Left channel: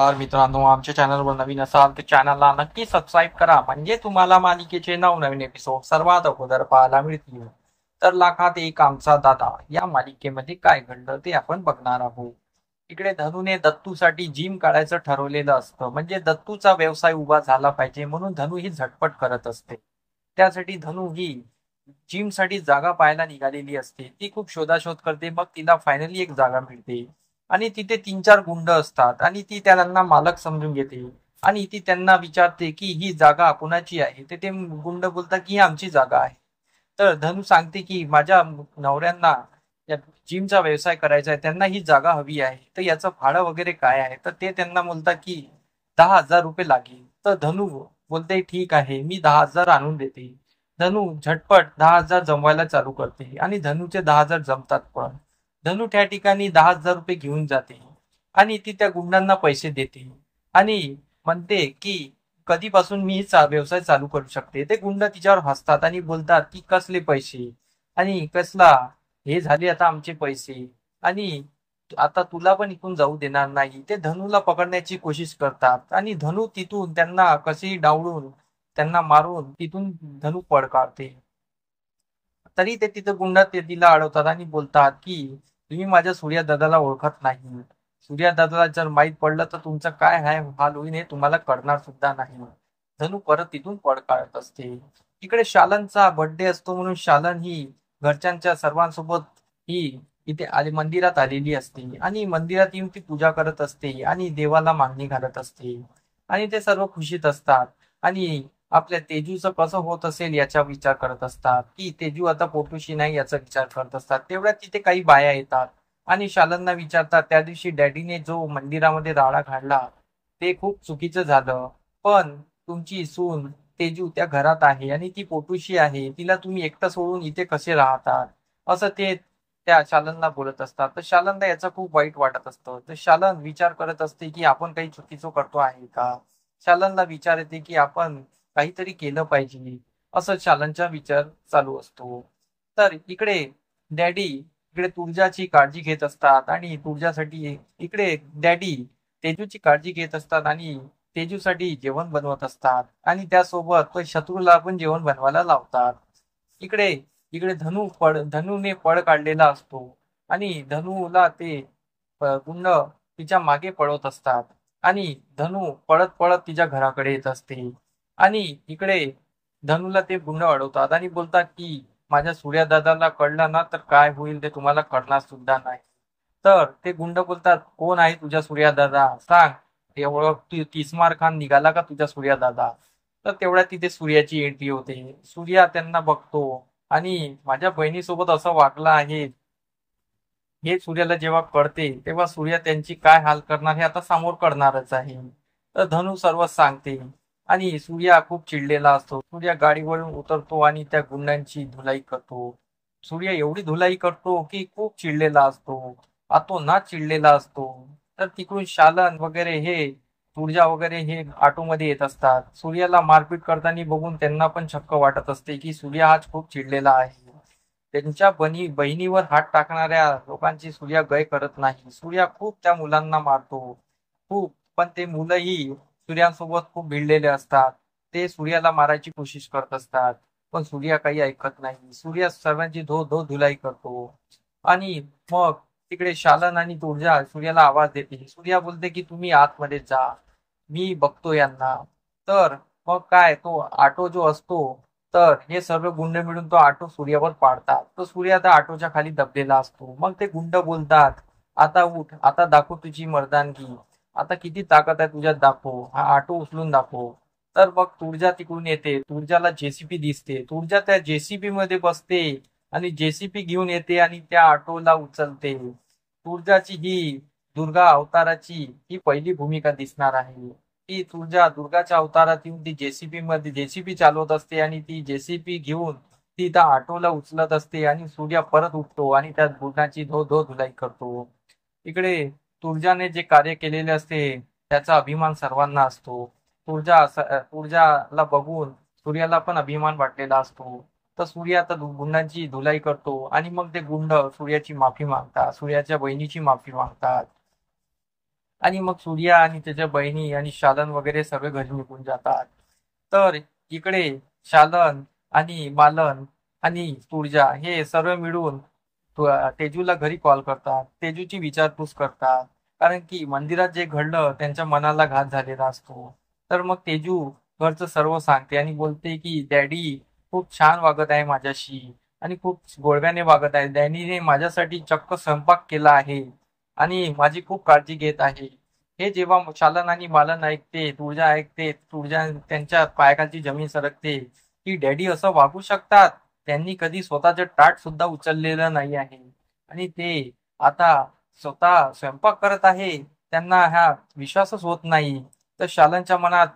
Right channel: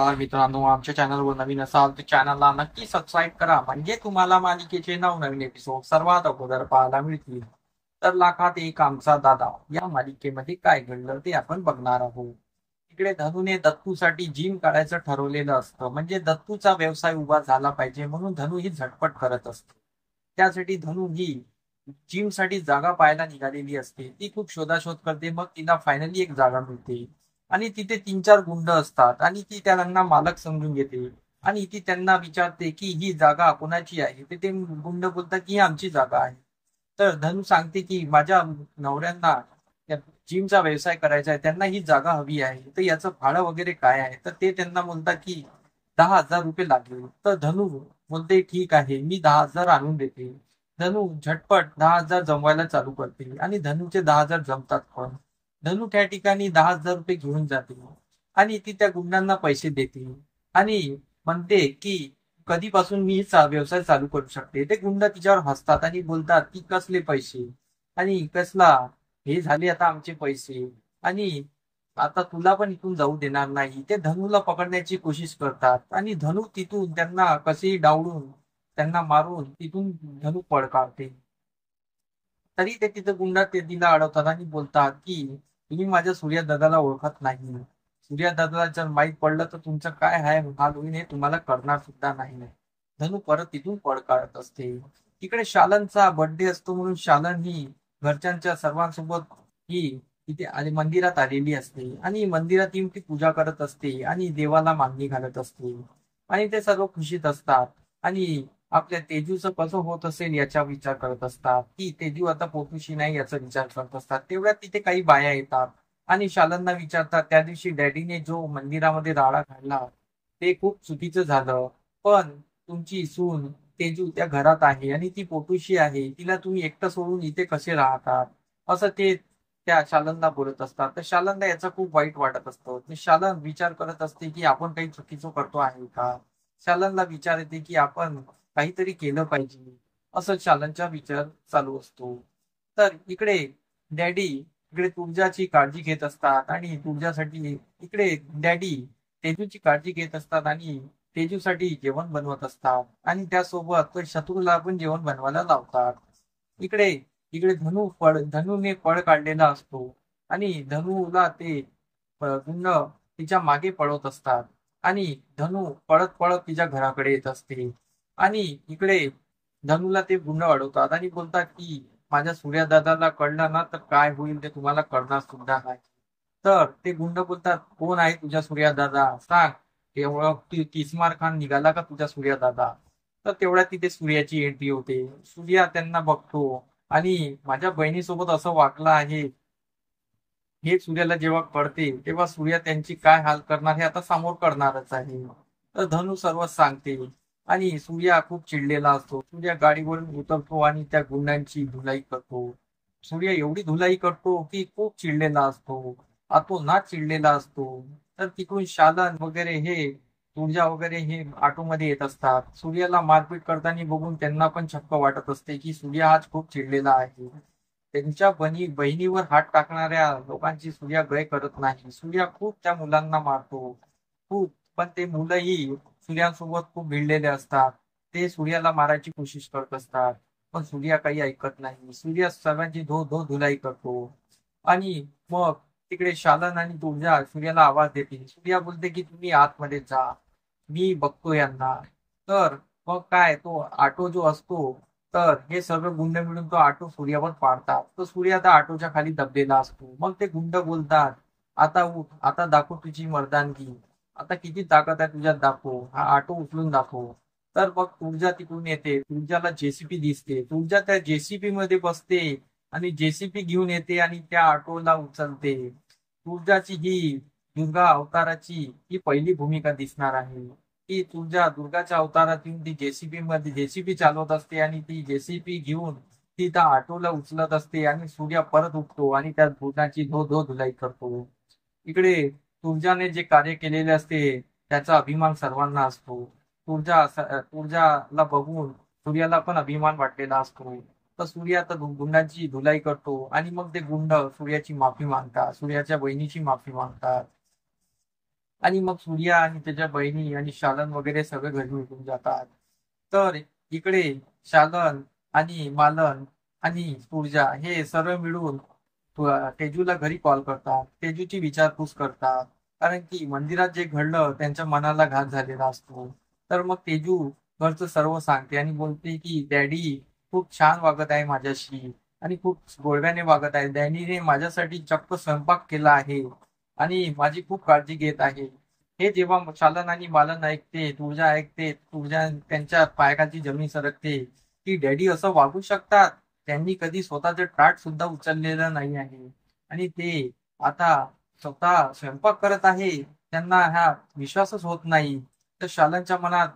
नमस्कार मित्रांनो, आमच्या चॅनलवर नवीन असाल तर चॅनलला नक्की सबस्क्राईब करा, म्हणजे तुम्हाला मालिकेचे नवनवीन एपिसोड सर्वात अगोदर पाहायला मिळतील. तर लाखात एक आमचा दादा या मालिकेमध्ये काय घडलं ते आपण बघणार आहोत. इकडे धनूने दत्तूसाठी जिम काढायचं ठरवलेलं असतं, म्हणजे दत्तूचा व्यवसाय उभा झाला पाहिजे म्हणून धनू ही झटपट करत असते. त्यासाठी धनू ही जिम साठी जागा पाहायला निघालेली असते. ती खूप शोधाशोध करते, मग तिला फायनली एक जागा मिळते. आणि तिथे 3-4 गुंड असतात आणि ती त्यांना मालक समजून घेते. आणि ती त्यांना विचारते की ही जागा कोणाची आहे. ते गुंड बोलतात की ही आमची जागा आहे. तर धनु सांगते की माझ्या नवऱ्यांना या जिमचा व्यवसाय करायचा आहे, त्यांना ही जागा हवी आहे, तर याचं भाडं वगैरे काय आहे. तर ते त्यांना बोलतात की 10,000 रुपये लागेल. तर धनु बोलते ठीक आहे, मी 10,000 आणून देते. धनु झटपट 10,000 जमवायला चालू करते आणि धनुचे 10,000 जमतात पण. धनु त्या ठिकाणी 10,000 रुपये घेऊन जाते आणि ती त्या गुंडांना पैसे देते आणि म्हणते की कधीपासून मी व्यवसाय चालू करू शकते. ते गुंड तिच्यावर हसतात आणि बोलतात की कसले पैसे आणि कसला, हे झाले आता आमचे पैसे आणि आता तुला पण इथून जाऊ देणार नाही. ते धनूला पकडण्याची कोशिश करतात आणि धनू तिथून त्यांना कसेही डावडून त्यांना मारून तिथून धनू पळ काढते. तरी ते तिथं गुंड ते तिला अडवतात आणि बोलतात की तुम्ही माझ्या सूर्या दादाला ओळखत नाही. सूर्या दादाला जर माहीत पडलं तर तुमचं काय हाल होईल हे तुम्हाला कळणार सुद्धा नाही. धनू परत तिथून पळ काढत असते. तिकडे शालनचा बर्थडे असतो म्हणून शालन ही घरच्यांच्या सर्वांसोबत ही इथे मंदिरात आलेली असते आणि मंदिरात येऊन ती पूजा करत असते आणि देवाला मागणी घालत असते आणि ते सर्व खुशीत असतात आणि आपल्या तेजूचं कसं होत असेल याचा विचार करत असतात की तेजू आता पोटूशी नाही याचा विचार करत असतात. तेवढ्यात तिथे काही बाया येतात आणि शालनना विचारतात त्या दिवशी डॅडीने जो मंदिरामध्ये राडा घातला ते खूप चुकीचं झालं, पण तुमची सून तेजू त्या घरात आहे आणि ती पोटूशी आहे, तिला तुम्ही एकटं सोडून इथे कसे राहतात असं ते त्या शालनला बोलत असतात. तर शालनला याचा खूप वाईट वाटत असतं. तर शालन विचार करत असते की आपण काही चुकीचं करतो आहे का. शालनला विचार येते की आपण काहीतरी केलं पाहिजे, असं शालनचा विचार चालू असतो. तर इकडे डॅडी इकडे तुळजाची काळजी घेत असतात आणि तुळजासाठी इकडे डॅडी तेजूची काळजी घेत असतात आणि तेजूसाठी जेवण बनवत असतात आणि त्यासोबत तो शत्रूला पण जेवण बनवायला लावतात. इकडे इकडे धनुने पळ काढलेला असतो आणि धनुला ते गुंड तिच्या मागे पळवत असतात आणि धनु पळत पळत तिच्या घराकडे येत असते आणि इकडे धनुला ते गुंड अडवतात आणि बोलतात की माझ्या सूर्या दादाला कळलं ना तर काय होईल ते तुम्हाला कळणार सुद्धा नाही. तर ते गुंड बोलतात कोण आहे तुझ्या सूर्या दादा सांग. एवढं किस्मार खान निघाला का तुझ्या सूर्या दादा. तर तेवढ्या तिथे सूर्याची एंट्री होते. सूर्या त्यांना बघतो आणि माझ्या बहिणीसोबत असं वागलं आहे हे सूर्याला जेव्हा कळते तेव्हा सूर्या त्यांची काय हाल करणार हे आता समोर कळणारच आहे. तर धनु सर्व सांगते आणि सूर्या खूप चिडलेला असतो. सूर्या गाडीवरून उतरतो आणि त्या गुंडांची धुलाई करतो. सूर्या एवढी धुलाई करतो की खूप चिडलेला असतो, अतोनात चिडलेला असतो. तर तिकडून शालन वगैरे हे तुळजा वगैरे हे ऑटोमध्ये येत असतात. सूर्याला मारपीट करताना बघून त्यांना पण चक्क वाटत असते की सूर्या आज खूप चिडलेला आहे. त्यांच्या बहिणीवर हात टाकणाऱ्या लोकांची सूर्या गय करत नाही. सूर्या खूप त्या मुलांना मारतो खूप, पण ते मुलंही सूर्यासोबत खूप भिडलेले असतात. ते सूर्याला मारायची कोशिश करत असतात, पण सूर्या काही ऐकत नाही. सूर्या सर्वांची धो धो धुलाई करतो आणि मग तिकडे शालन आणि तुळजा सूर्याला आवाज देते. सूर्या बोलते की तुम्ही आतमध्ये जा, मी बघतो यांना. तर मग काय तो ऑटो जो असतो, तर हे सर्व गुंड मिळून तो ऑटो सूर्यावर पाडतात. तो सूर्य आता ऑटोच्या खाली दबलेला असतो. मग ते गुंड बोलतात आता उठ, आता दाखव तुझी मर्दानगी, आता किती ताकद आहे तुझ्यात दाखव, हा ऑटो उचलून दाखव. तर मग तुळजा तिकडून येते. तुळजाला जेसीपी दिसते. तुळजा त्या जेसीपी मध्ये बसते आणि जेसीपी घेऊन येते आणि त्या ऑटोला उचलते. तुळजाची ही दुर्गा अवताराची ही पहिली भूमिका दिसणार आहे. ती तुळजा दुर्गाच्या अवतारात येऊन ती जेसीबी मध्ये जेसीबी चालवत असते आणि ती जेसीबी घेऊन ती त्या ऑटोला उचलत असते आणि सूर्या परत उठतो आणि त्या गुणाची धो धो धुलाई करतो. इकडे तुळजाने जे कार्य केलेले असते त्याचा अभिमान सर्वांना असतो. तुळजाला बघून सूर्याला पण अभिमान वाटलेला असतो. तर सूर्य आता गुंडांची धुलाई करतो आणि मग ते गुंड सूर्याची माफी मागतात, सूर्याच्या बहिणीची माफी मागतात. आणि मग सूर्या आणि त्याच्या बहिणी आणि शालन वगैरे सगळे घरी निघून जातात. तर इकडे शालन आणि मालन आणि तुळजा हे सर्व मिळून तेजूला घरी कॉल करतात, तेजूची विचारपूस करतात. कारण की मंदिरात जे घडलं त्यांच्या मनाला घात झालेला असतो. तर मग तेजू घरचं सर्व सांगते आणि बोलते की डॅडी खूप छान वागत आहे माझ्याशी आणि खूप गोडव्याने वागत आहे. डॅडीने माझ्यासाठी चक्क स्वयंपाक केला आहे आणि माझी खूप काळजी घेत आहे. हे जेव्हा शालन आणि मालन ऐकते, तुळजा ऐकते, तुळजा त्यांच्या पायाखालची जमीन सरकते की डॅडी असं वागू शकतात. त्यांनी कधी स्वतःचं ताट सुद्धा उचललेलं नाही आहे आणि ते आता स्वतः स्वयंपाक करत आहे. त्यांना हा विश्वासच होत नाही. तर शालनच्या मनात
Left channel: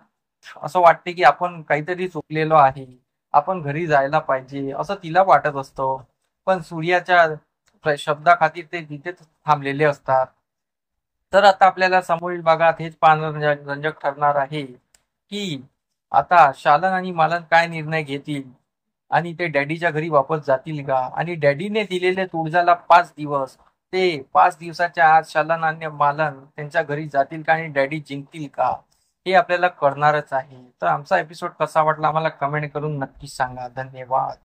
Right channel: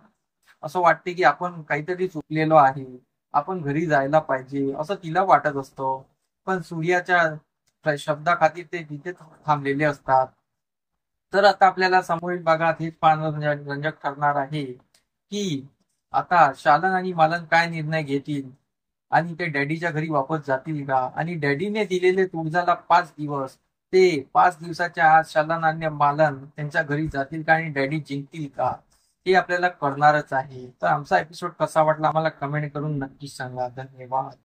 असं वाटते की आपण काहीतरी चुकलेलो आहे, आपण घरी जायला पाहिजे असं तिला वाटत असतं. पण सूर्याच्या शब्दाखातीर ते तिथेच थांबलेले असतात. तर आता आपल्याला समोरील भागात हेच पाहणं रंजक ठरणार आहे की आता शालन आणि मालन काय निर्णय घेतील आणि ते डॅडीच्या घरी वापस जातील का, आणि डॅडीने दिलेले तुळजाला 5 दिवस, ते 5 दिवसाच्या आत शालन आणि मालन त्यांच्या घरी जातील का आणि डॅडी जिंकतील का, हे आपल्याला कळणारच आहे. तर आमचा एपिसोड कसा वाटला आम्हाला कमेंट करून नक्की सांगा. धन्यवाद.